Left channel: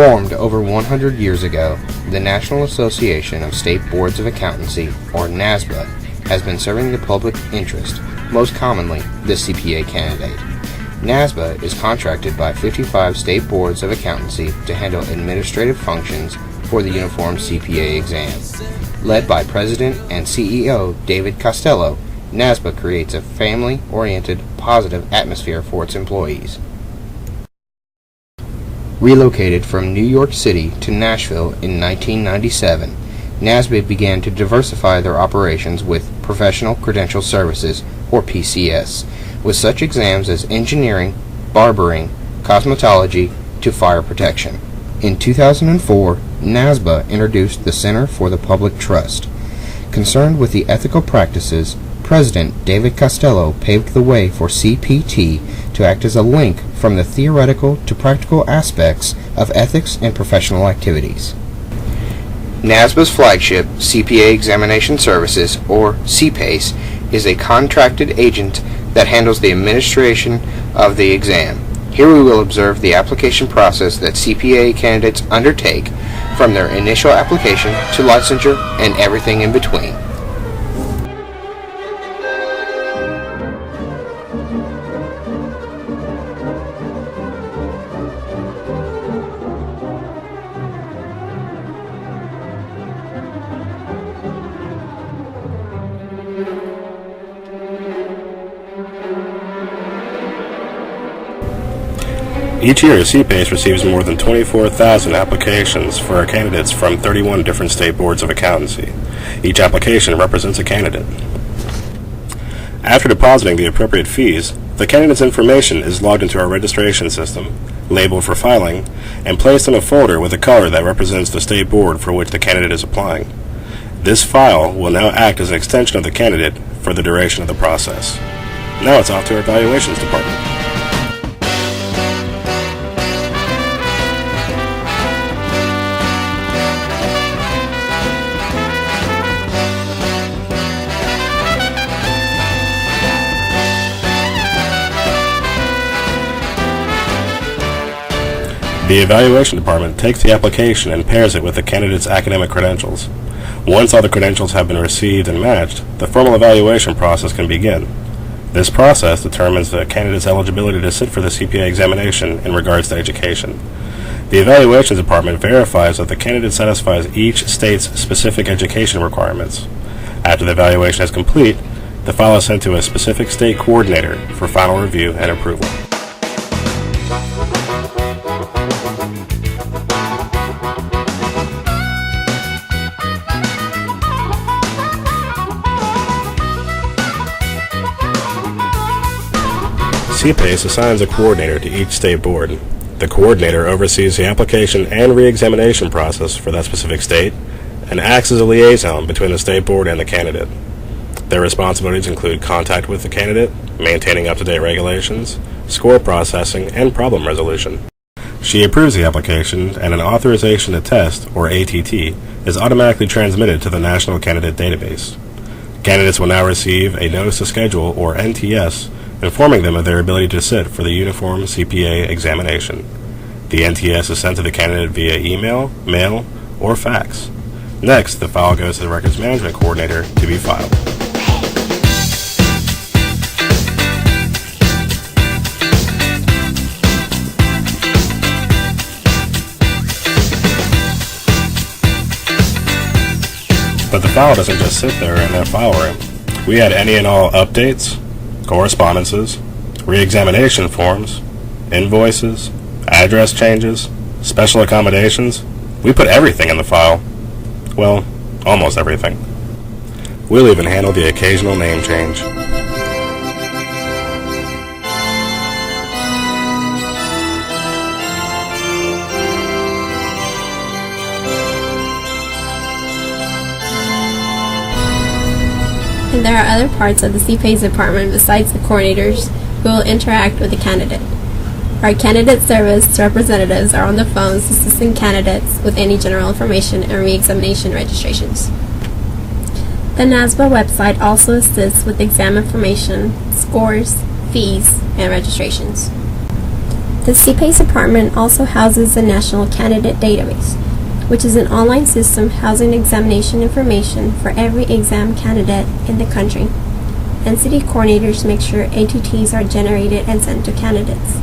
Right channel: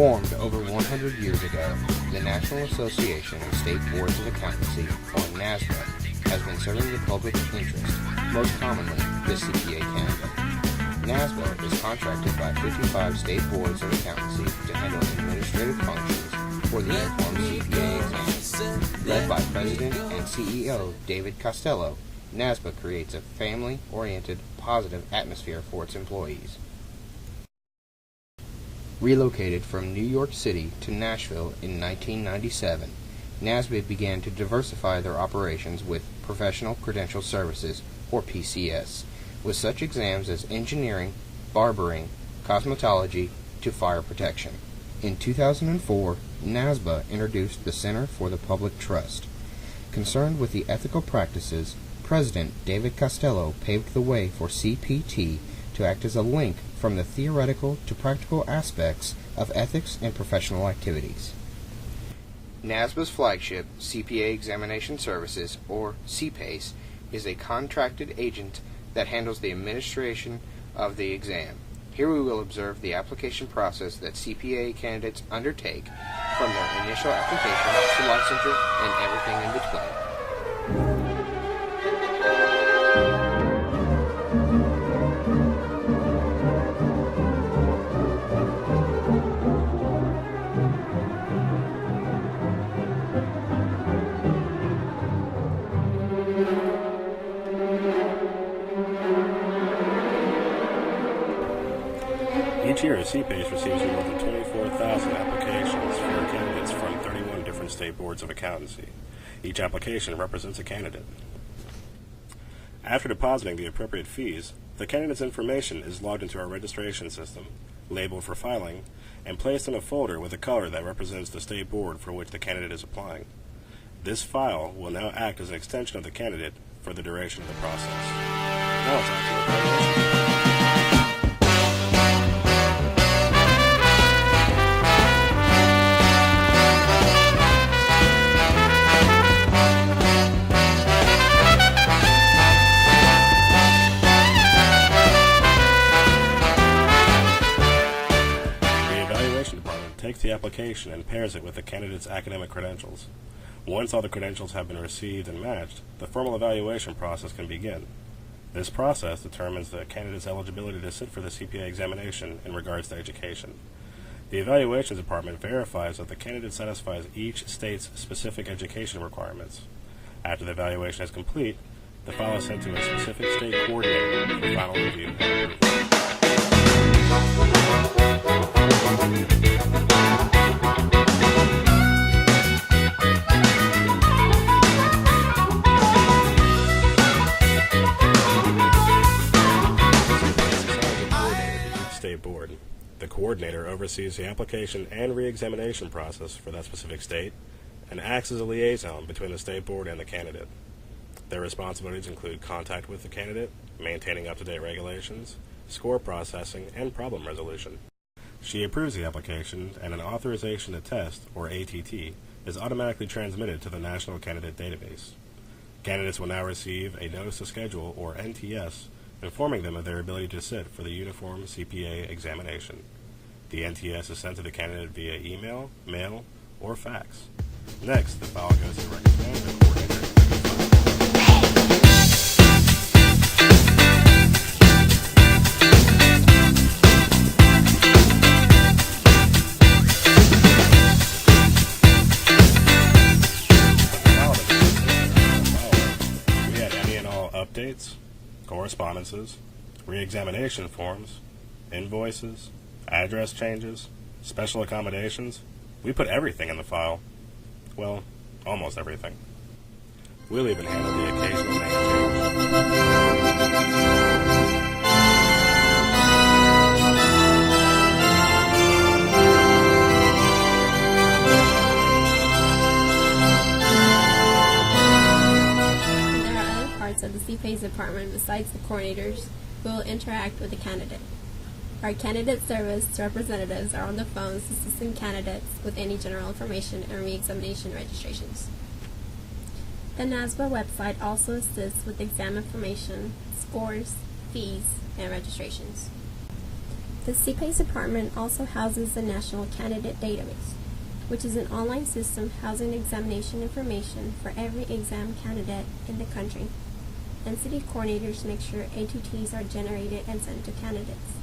Formed over 100 years ago, the National Association of State Boards of Accountancy, or NASBA, has been serving the public interest, most commonly the CPA candidate. NASBA is contracted by 55 state boards of accountancy to handle administrative functions for the uniform CPA exam. Led by President and CEO David Costello, NASBA creates a family-oriented, positive atmosphere for its employees. Relocated from New York City to Nashville in 1997, NASBA began to diversify their operations with Professional Credential Services, or PCS, with such exams as engineering, barbering, cosmetology, to fire protection. In 2004, NASBA introduced the Center for the Public Trust. Concerned with the ethical practices, President David Costello paved the way for CPT to act as a link from the theoretical to practical aspects of ethics and professional activities. NASBA's flagship, CPA Examination Services, or CPAES, is a contracted agent that handles the administration of the exam. Here we will observe the application process that CPA candidates undertake from their initial application to licensure and everything in between. Each year, CPAES receives more than 24,000 applications for candidates from 31 different state boards of accountancy. Each application represents a candidate. After depositing the appropriate fees, the candidate's information is logged into our registration system, labeled for filing, and placed in a folder with a color that represents the state board for which the candidate is applying. This file will now act as an extension of the candidate for the duration of the process. Now it's off to our evaluations department. The evaluation department takes the application and pairs it with the candidate's academic credentials. Once all the credentials have been received and matched, the formal evaluation process can begin. This process determines the candidate's eligibility to sit for the CPA examination in regards to education. The evaluations department verifies that the candidate satisfies each state's specific education requirements. After the evaluation is complete, the file is sent to a specific state coordinator for final review and approval. CPAES assigns a coordinator to each state board. The coordinator oversees the application and re-examination process for that specific state and acts as a liaison between the state board and the candidate. Their responsibilities include contact with the candidate, maintaining up-to-date regulations, score processing, and problem resolution. She approves the application, and an authorization to test, or ATT, is automatically transmitted to the National Candidate Database. Candidates will now receive a Notice to Schedule, or NTS, informing them of their ability to sit for the uniform CPA examination. The NTS is sent to the candidate via email, mail, or fax. Next, the file goes to the Records Management Coordinator to be filed. But the file doesn't just sit there in that file room. We add any and all updates, correspondences, re-examination forms, invoices, address changes, special accommodations. We put everything in the file. Well, almost everything. We'll even handle the occasional name change. And there are other parts of the CPAES department besides the coordinators who will interact with the candidate. Our candidate service representatives are on the phones assisting candidates with any general information and re-examination registrations. The NASBA website also assists with exam information, scores, fees, and registrations. The CPAES department also houses the National Candidate Database, which is an online system housing examination information for every exam candidate in the country. NCD coordinators make sure ATTs are generated and sent to candidates.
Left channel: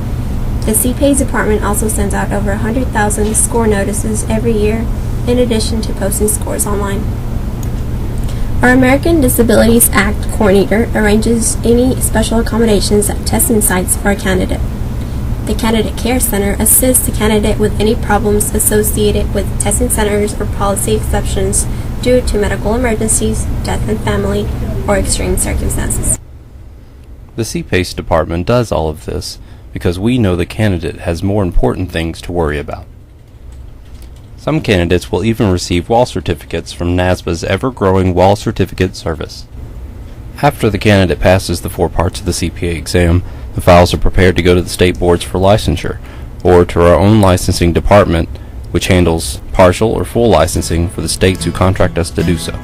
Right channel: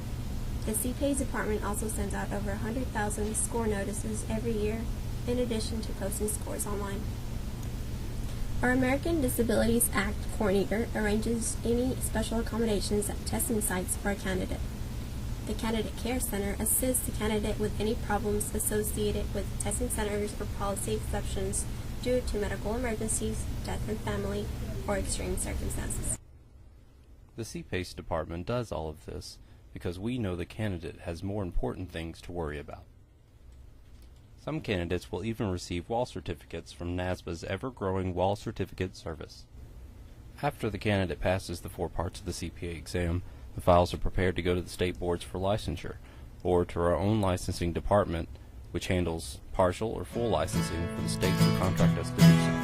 The CPAES department also sends out over 100,000 score notices every year, in addition to posting scores online. Our American Disabilities Act coordinator arranges any special accommodations at testing sites for a candidate. The Candidate Care Center assists the candidate with any problems associated with testing centers or policy exceptions due to medical emergencies, death in family, or extreme circumstances. The CPAES department does all of this because we know the candidate has more important things to worry about. Some candidates will even receive wall certificates from NASBA's ever-growing Wall Certificate Service. After the candidate passes the 4 parts of the CPA exam, the files are prepared to go to the state boards for licensure, or to our own licensing department, which handles partial or full licensing for the states who contract us to do so.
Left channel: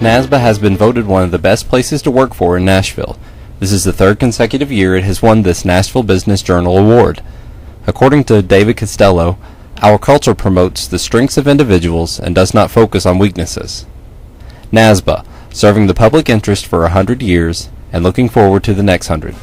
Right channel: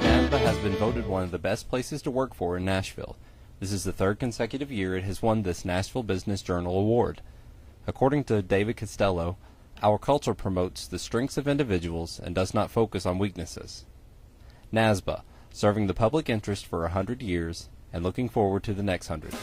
NASBA has been voted one of the best places to work for in Nashville. This is the 3rd consecutive year it has won this Nashville Business Journal Award. According to David Costello, our culture promotes the strengths of individuals and does not focus on weaknesses. NASBA, serving the public interest for 100 years and looking forward to the next 100.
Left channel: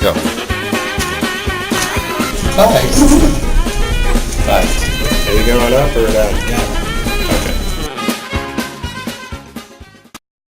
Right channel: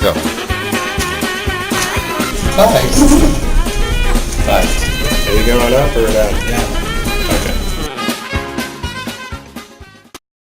Go. Nice. Nice. Are you going up or down? Yeah.